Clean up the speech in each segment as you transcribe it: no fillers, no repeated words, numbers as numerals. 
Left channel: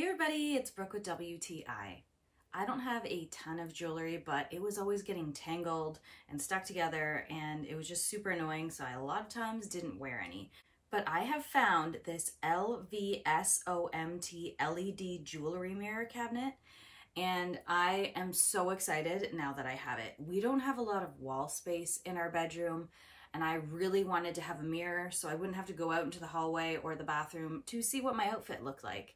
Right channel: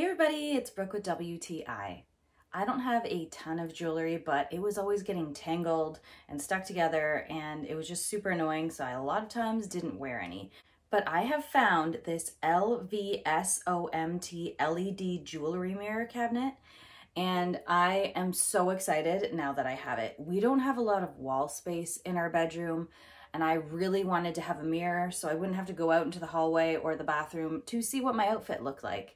Hey everybody, it's Brooke with WTI. I don't have a ton of jewelry, but it was always getting tangled and stuck together and it was just super annoying, so I a lot of times didn't wear any. But I have found this LVSOMT LED jewelry mirror cabinet and I am so excited now that I have it. We don't have a lot of wall space in our bedroom and I really wanted to have a mirror so I wouldn't have to go out into the hallway or the bathroom to see what my outfit looked like.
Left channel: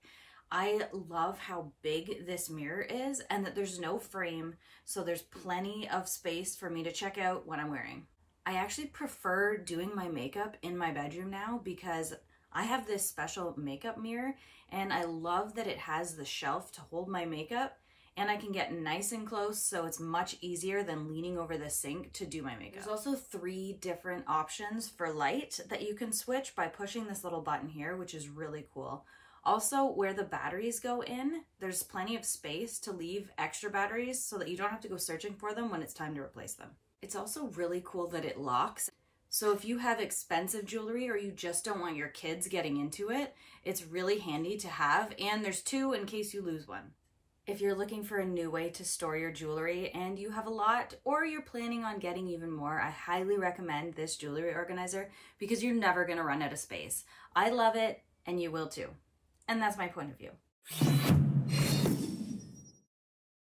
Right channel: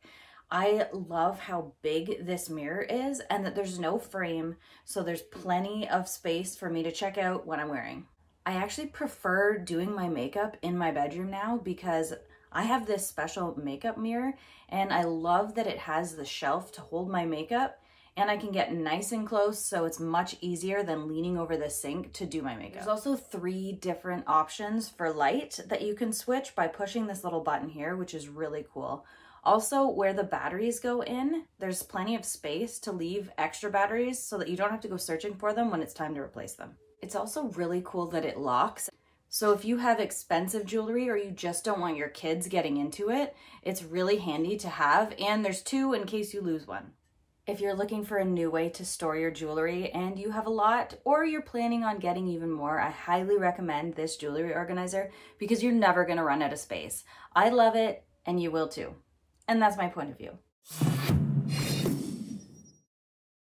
I love how big this mirror is and that there's no frame, so there's plenty of space for me to check out what I'm wearing. I actually prefer doing my makeup in my bedroom now because I have this special makeup mirror and I love that it has the shelf to hold my makeup and I can get nice and close, so it's much easier than leaning over the sink to do my makeup. There's also 3 different options for light that you can switch by pushing this little button here, which is really cool. Also, where the batteries go in, there's plenty of space to leave extra batteries so that you don't have to go searching for them when it's time to replace them. It's also really cool that it locks. So if you have expensive jewelry or you just don't want your kids getting into it, it's really handy to have, and there's 2 in case you lose one. If you're looking for a new way to store your jewelry and you have a lot, or you're planning on getting even more, I highly recommend this jewelry organizer because you're never gonna run out of space. I love it and you will too. And that's my point of view.